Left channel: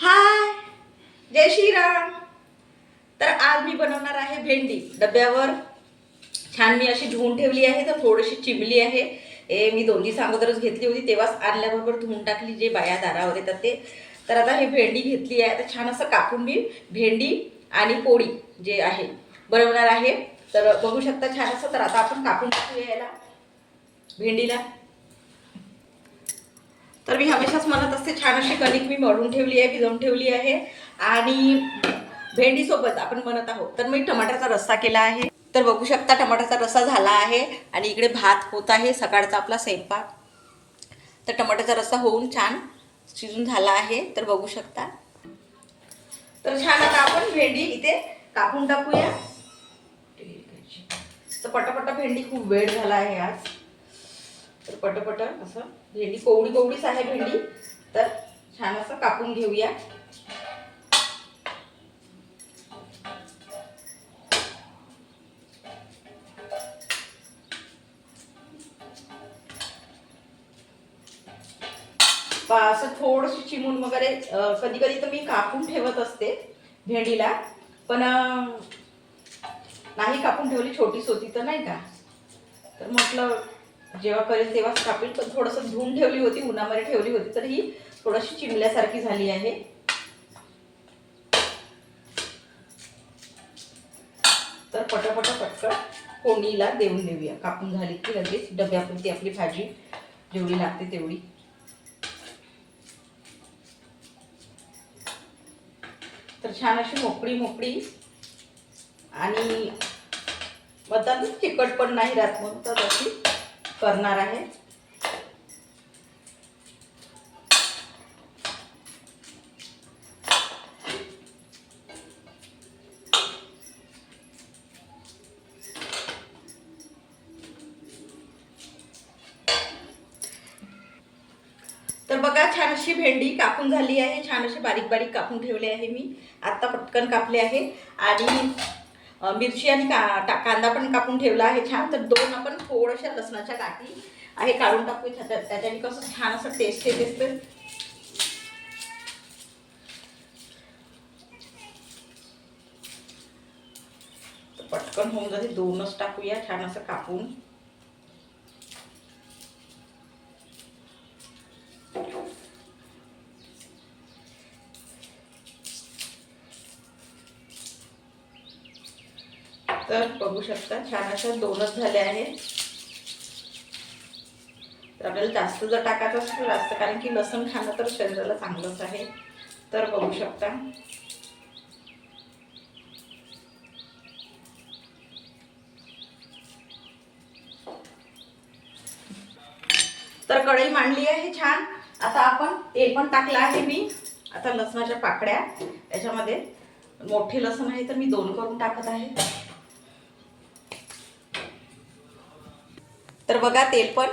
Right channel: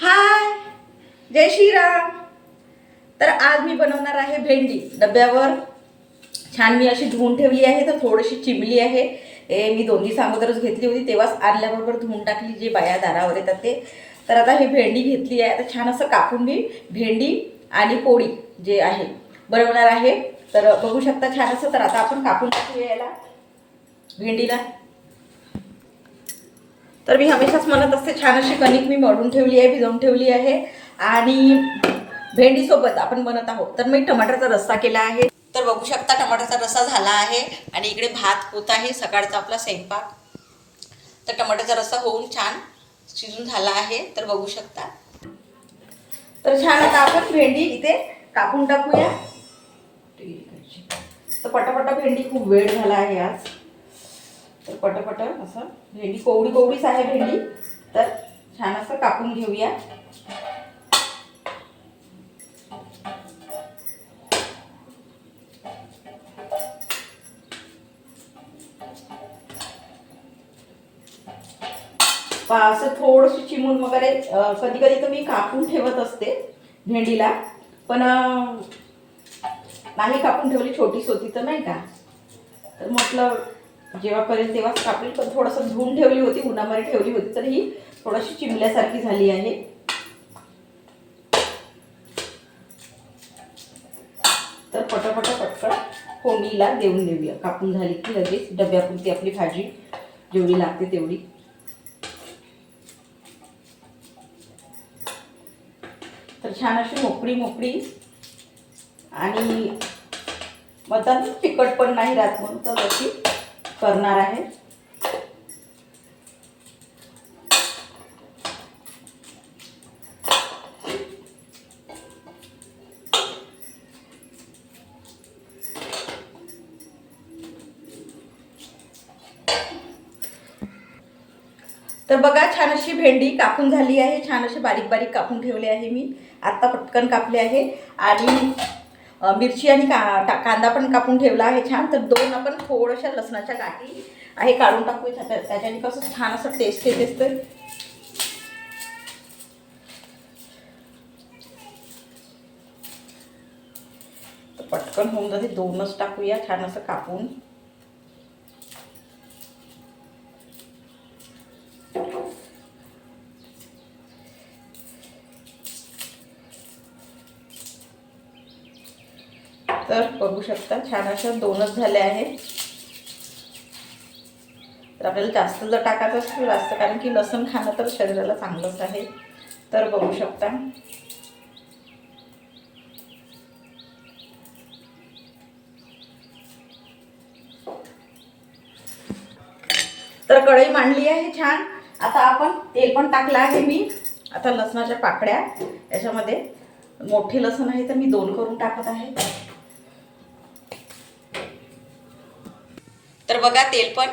हाय, जय श्रीराम. तर आज मी बनवणार आहे भेंडी. डब्यावर छान मी अशी धुवून ठेवली आहे, तर थोडीशी चिमली आहे. मी 2 दिवस अगोदरच घेतली होती, तेव्हाच आणल्याबरोबर धुवून टाकली, जे बाया दारावर येतात ते. तर आता ही भेंडी घेतली आहे, आता छान असं कापून मी भेंडी आणि पोळी जे आहे बनवणार आहे. तर बघू शकता छान असं. तर आता आपण कापून टाकूया याला, भेंडीला. तर मी हमेशाच म्हणत असते, छान अशी कणिक मी मळून ठेवली आहे, भिजवून ठेवली आहे. आणि भेंडीसोबत आपण बनत आहोत, तर मी टमाटरचा रस्सा केला आहे. तर बघू शकता टमाटरचा रस्सा झाला आहे आणि इकडे भात होत आहे, सकाळचा आपला स्वयंपाक. तर टमाटरचा रस्सा होऊन छान शिजून झाला आहे, तर बघू शकता. तर छान आता आपण भेंडी इथे कापून टाकूया. तर पटापटा भेंडी, खूप वेळ झाला आहे आज. तर पटपट असं भेंडी कोवडी कोवडीच आहे भेंडी, तर छान असं कापून घेऊया. असं थोडंसं चिमून वगैरे कधी कधी तर मी कापून ठेवत असते भेंडीला, पण नाही कापून ठेवली, छोटीच होती तर नाही का. तर म्हटलं जेव्हा करेल तेव्हाच कापेल, पण थोडंसं धुवून ठेवली होती, उन्हामध्ये ठेवली होती, तर ही थोडीशी चिमल्यासारखी झाली आहे. तर पटकन फोडणीला देऊन देऊया. कापून झाली की लगेच डब्यापुरती आपली भाजी जेवढी लागते तेवढी. तर छान अशी मोकळी आणि म्हणतात चिकट पण नाही राहत, म्हणून तर अशी करणार आहे. तर बघा छान अशी भेंडी कापून झाली आहे, छान अशी बारीक बारीक कापून ठेवले आहे मी. आत्ता पटकन कापले आहे. आणि मिरची आणि कांदा पण कापून ठेवला आहे छान. तर 2 आपण थोड्याशा लसणाच्या गाठी आहे काढून टाकू, त्याच्याने कसं छान असं टेस्ट येते. तर पटकन होऊन जाते, 2च टाकूया छान असं कापून. तर बघू शकता छान अशा 2च झाल्या आहेत. तर आपल्याला जास्त जर टाकायचं असेल जास्त, कारण की लसूण खाणं तर शरीराला चांगलंच आहे. तर बघू शकता. तर कढई मांडली आहे छान. आता आपण तेल पण टाकलं आहे मी. आता लसणाच्या पाकळ्या याच्यामध्ये, मोठे लसूण आहे तर मी 2 करून टाकत आहे. तर बघा तेल पण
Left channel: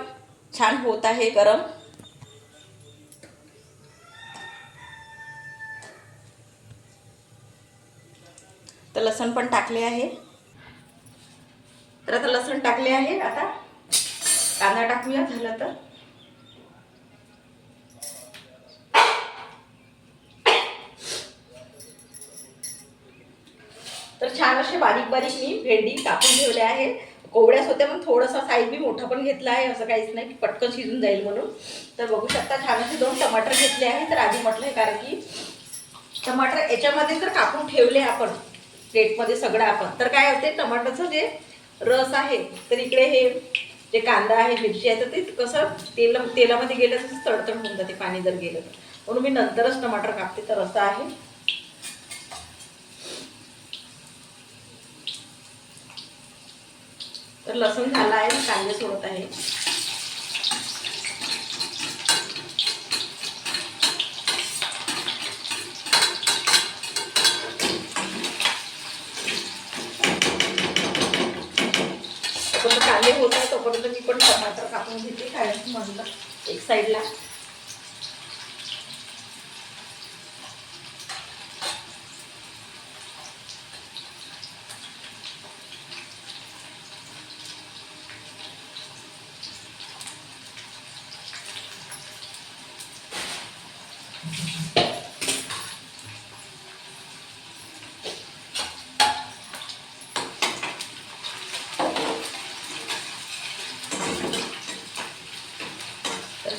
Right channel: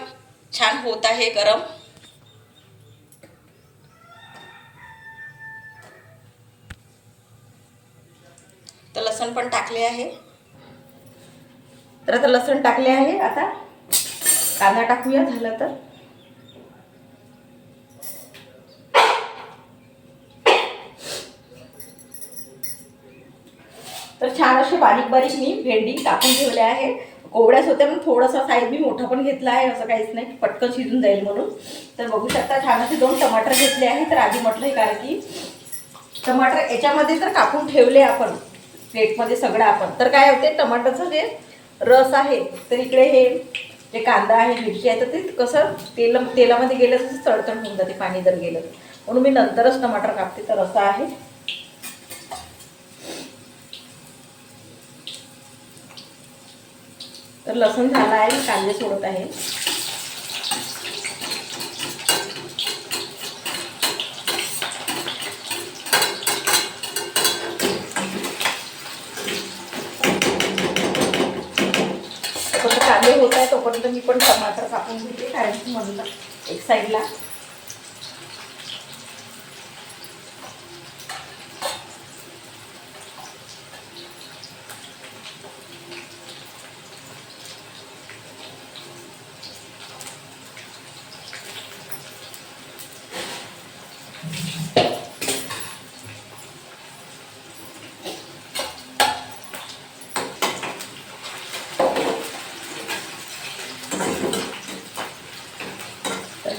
छान होत आहे गरम. तर लसण पण टाकले आहे. तर आता लसण टाकले आहे. आता कांदा टाकूया झालं तर. तर छान असे बारीक बारीक मी भेंडी कापून ठेवले आहे. कोवड्याच होत्या, मग थोडासा साईज मी मोठा पण घेतला आहे, असं काहीच नाही की पटकन शिजून जाईल म्हणून. तर बघू शकता छान असे 2 टमाटर घेतले आहे. तर आधी म्हटलं कारण की टमाटर याच्यामध्ये तर कापून ठेवले आपण प्लेटमध्ये सगळं आपण. तर काय होते, टमाटरचं जे रस आहे, तर इकडे हे जे कांदा आहे, मिरची आहे, तर ते कसं तेलामध्ये गेलं तसं तडतड होऊन जाते पाणी जर गेलं तर, म्हणून मी नंतरच टमाटर कापते. तर असं आहे. तर लसूण झाला आहे, कांदे सोडत आहे. कांदे होत आहे तोपर्यंत मी पण टमाटर कापून घेते, कारण की म्हणलं एक साईडला.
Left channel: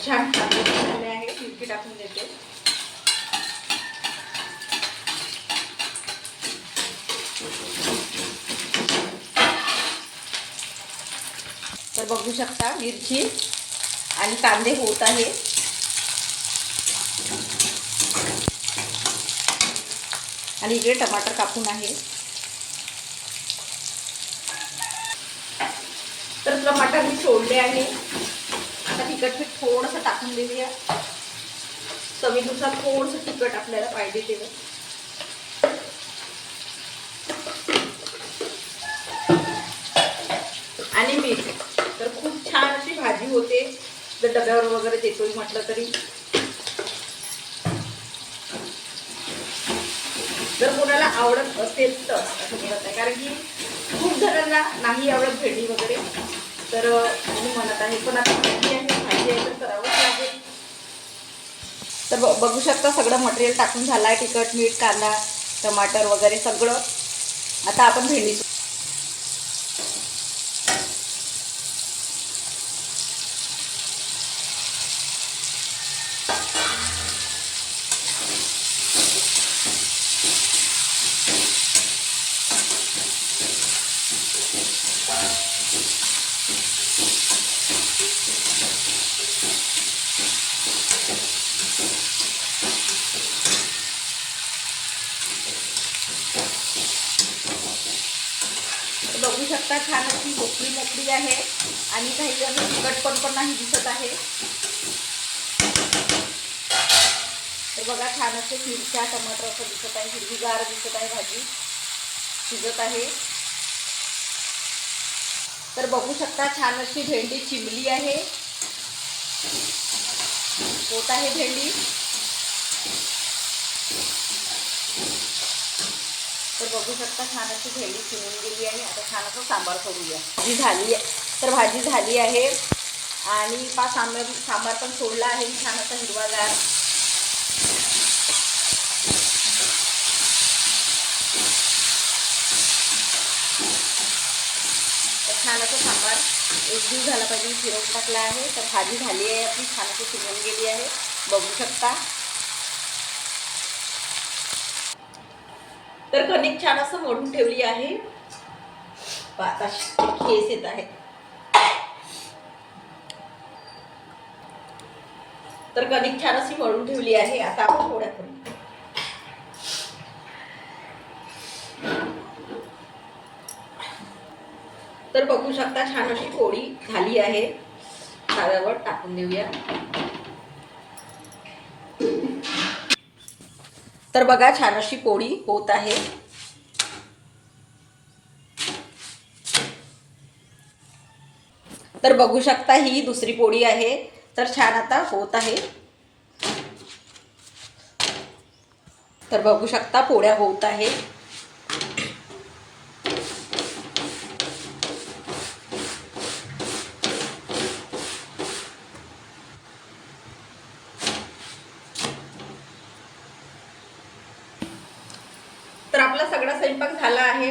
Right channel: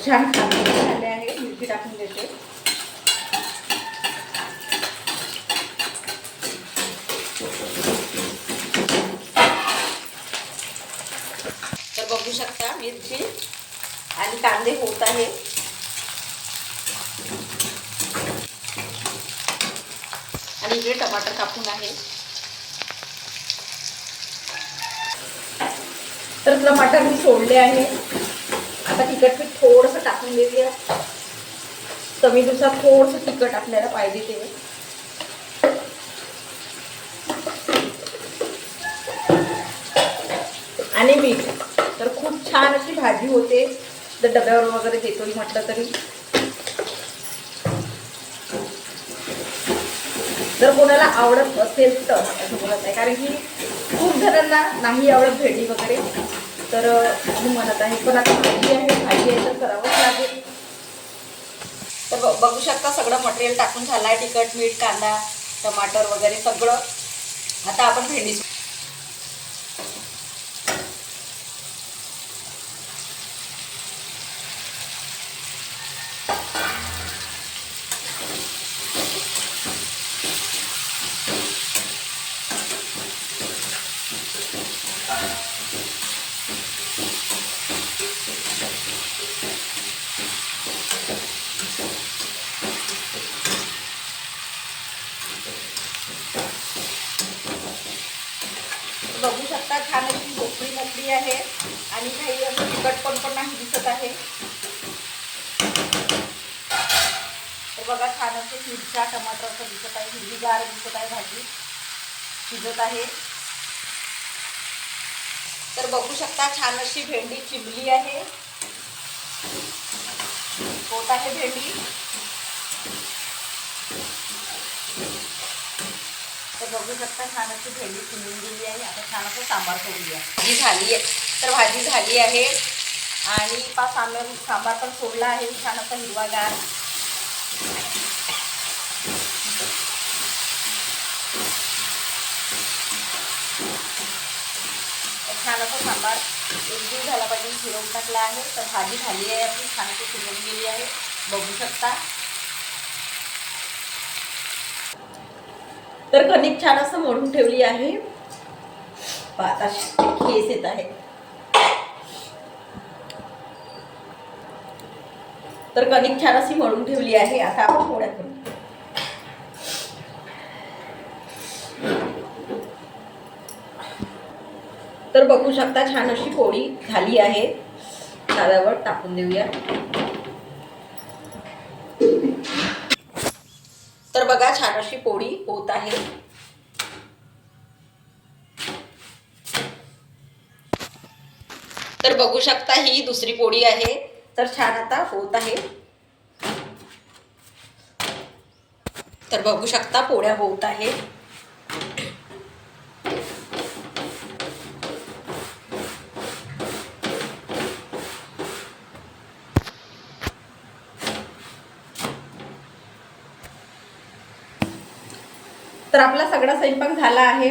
छान झाले आहे. मिरची टाकून देते. तर बघू शकता मिरची आणि कांदे होत आहे. आणि इकडे टमाटर कापून आहे. तर टमाटर मी सोडले आहे. आता तिखट पीठ थोडंसं टाकून देऊया. चवीनुसार थोडंसं तिखट आपल्याला पाहिजे ते. आणि मीठ. तर खूप छान अशी भाजी होते. जर डब्यावर वगैरे देतोय म्हटलं तरी. जर कोणाला आवडत असेल तर असं म्हणत आहे, कारण की खूप जणांना नाही आवडत भेंडी वगैरे, तर मी म्हणत आहे. पण आता भाजी आहे तर करावंच लागेल. तर बघू शकता सगळं मटेरियल टाकून झालं आहे. तिखट, मीठ, कांदा, टमाटर वगैरे सगळं. आता आपण भेंडी बघू शकता छान अशी कोकणी लकडी आहे. आणि काही असं तिखटपण पण नाही दिसत आहे. तर बघा छान असे मिरच्या, टमाटर असं दिसत आहे. हिरवीगार दिसत आहे. भाजी शिजत आहे. तर बघू शकता छान अशी भेंडी चिरली आहे. होत आहे भेंडी. तर बघू शकता छान अशी भेंडी चिरून गेली आहे. आता छान असं सांबार करूया. भाजी झाली आहे. तर भाजी झाली आहे आणि सांबार पण सोडला आहे छान असा हिरवागार. छान असं सांबार एक दिवस झाला पाहिजे शिरवून टाकला आहे. तर भाजी झाली आहे आपली, छान अशी शिजवून गेली आहे. बघू शकता. तर कणिक छान असं मळून ठेवली आहे. आता खेस येत आहे. तर कणिक छान अशी मळून ठेवली आहे. आता आपण पोळ्या करू. तर बघू शकता छान अशी पोळी झाली आहे. तव्यावर टाकून देऊया. तर बघा छान अशी पोळी होत आहे. तर बघू शकता ही दुसरी पोळी आहे. तर छान आता होत आहे. तर बघू शकता पोळ्या होत आहे. तर आपला सगळा स्वयंपाक झाला आहे.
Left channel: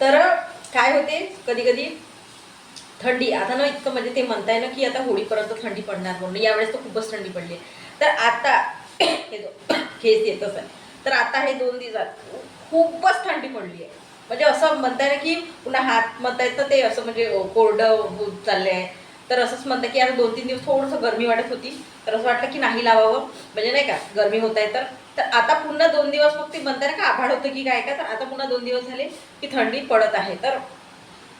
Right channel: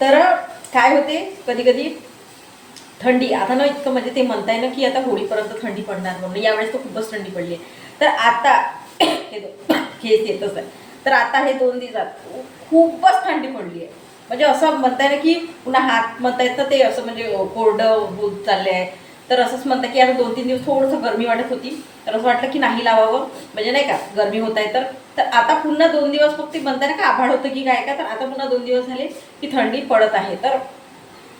तर काय होते कधी कधी थंडी आता ना इतकं म्हणजे ते म्हणताय ना की आता होळीपर्यंत थंडी पडणार म्हणून. यावेळेस तर खूपच थंडी पडली आहे. तर आता हे केस येतच आहे. तर आता हे 2 दिवसात खूपच थंडी पडली आहे. म्हणजे असं म्हणताय ना की पुन्हा हात म्हणताय तर ते असं म्हणजे कोरडं होत चालले आहे. तर असंच म्हणतं की आता 2-3 दिवस थोडंसं गरमी वाटत होती. तर असं वाटलं की नाही लावावं, म्हणजे नाही का गरमी होत आहे. तर आता पुन्हा 2 दिवस फक्त म्हणताय ना का आभाळ होतं की काय का. तर आता पुन्हा 2 दिवस झाले की थंडी पडत आहे. तर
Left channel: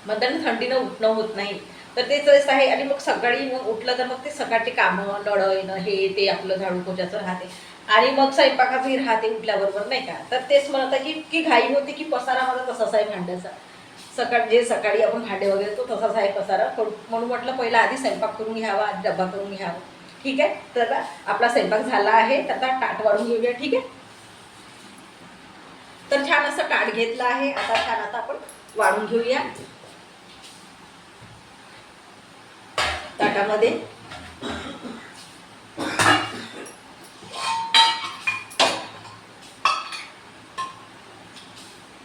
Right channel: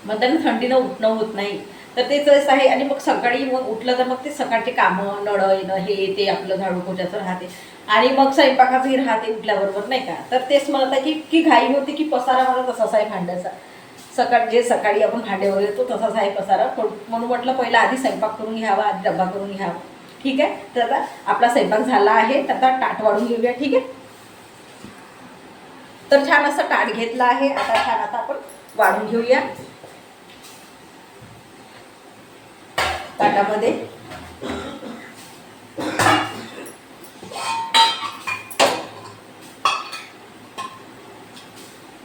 म्हणताना थंडीनं उठणं होत नाही. तर तेच आहे. आणि मग सकाळी मग उठलं तर मग ते सकाळचे कामं नळ येणं हे ते आपलं झाडू पोछाचं राहते. आणि मग स्वयंपाकाचंही राहते उठल्याबरोबर नाही का. तर तेच म्हणत आहे की घाई होती की पसारा माझा तसाच आहे भांड्याचा. सकाळी आपण भांडे वगैरे तो तसाच आहे पसारा. म्हणून म्हटलं पहिला आधी स्वयंपाक करून घ्यावा, आधी डब्बा करून घ्यावा. ठीक आहे. तर आता आपला स्वयंपाक झाला आहे. तर आता ताट वाढून घेऊया. ठीक आहे. तर छान असं ताट घेतलं आहे. आता आपण वाढून घेऊया ताटामध्ये.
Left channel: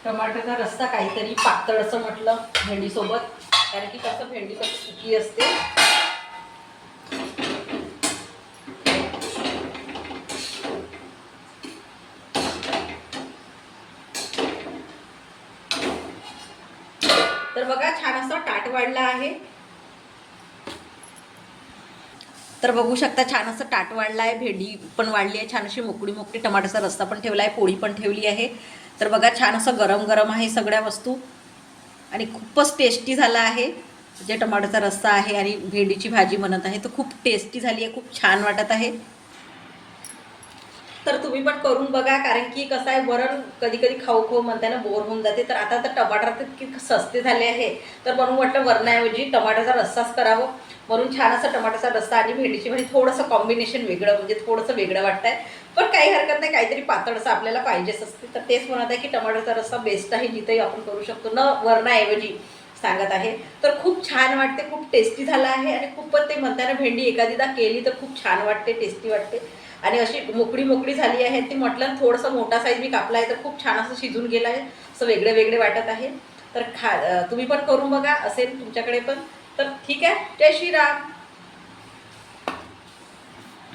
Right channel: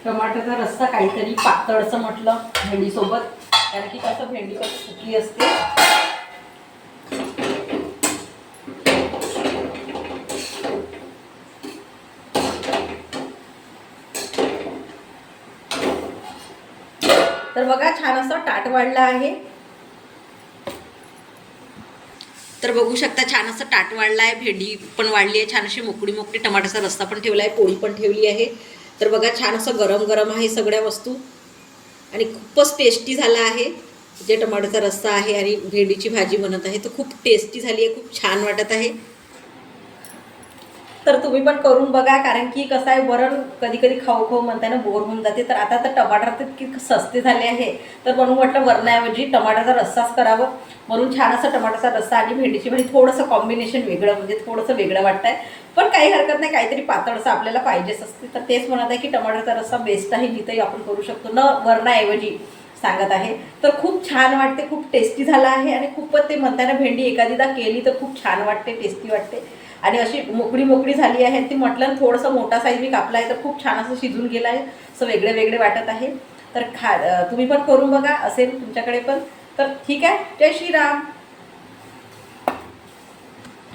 टमाटरचा रस्सा काहीतरी पातळ असं म्हटलं भेंडीसोबत, कारण की कसं भेंडी कसं सुकी असते. तर बघा छान असं ताट वाढलं आहे. तर बघू शकता छान असं ताट वाढलं आहे. भेंडी पण वाढली आहे, छान अशी मोकळी मोकळी. टमाट्याचा रस्सा पण ठेवला आहे, पोळी पण ठेवली आहे. तर बघा छान असं गरम गरम आहे सगळ्या वस्तू आणि खूपच टेस्टी झाला आहे. जे टमाट्याचा रस्सा आहे आणि भेंडीची भाजी बनत आहे तर खूप टेस्टी झाली आहे, खूप छान वाटत आहे. तर तुम्ही पण करून बघा, कारण की कसं आहे वरण कधी कधी खाऊ खाऊ म्हणताय ना बोर होऊन जाते. तर आता तर टमाटर तर इतके सस्ते झाले आहे, तर म्हणून म्हटलं वरणाऐवजी टमाट्याचा रस्साच करावं. म्हणून छान असं टमाट्याचा रस्सा आणि भेंडीची भाजी, थोडंसं कॉम्बिनेशन वेगळं, म्हणजे थोडंसं वेगळं वाटत आहे. पण काही हरकत नाही, काहीतरी पातळसं आपल्याला पाहिजेच असते. तर तेच म्हणत आहे की टमाट्याचा रस्सा बेस्ट आहे, जिथंही आपण करू शकतो न वरणाऐवजी सांगत आहे. तर खूप छान वाटते, खूप टेस्टी झालं आहे आणि खूपच ते म्हणताना भेंडी एखादीदा केली तर खूप छान वाटते, टेस्टी वाटते. आणि अशी मोकळी मोकळी झाली आहे. ती म्हटलं थोडंसं मोठा साईज मी कापला आहे तर खूप छान असं शिजून गेलं आहे, असं वेगळे वेगळे वाटत आहे. तर तुम्ही पण करून बघा, असेल तुमच्याकडे पण. तर ठीक आहे, जय श्रीराम.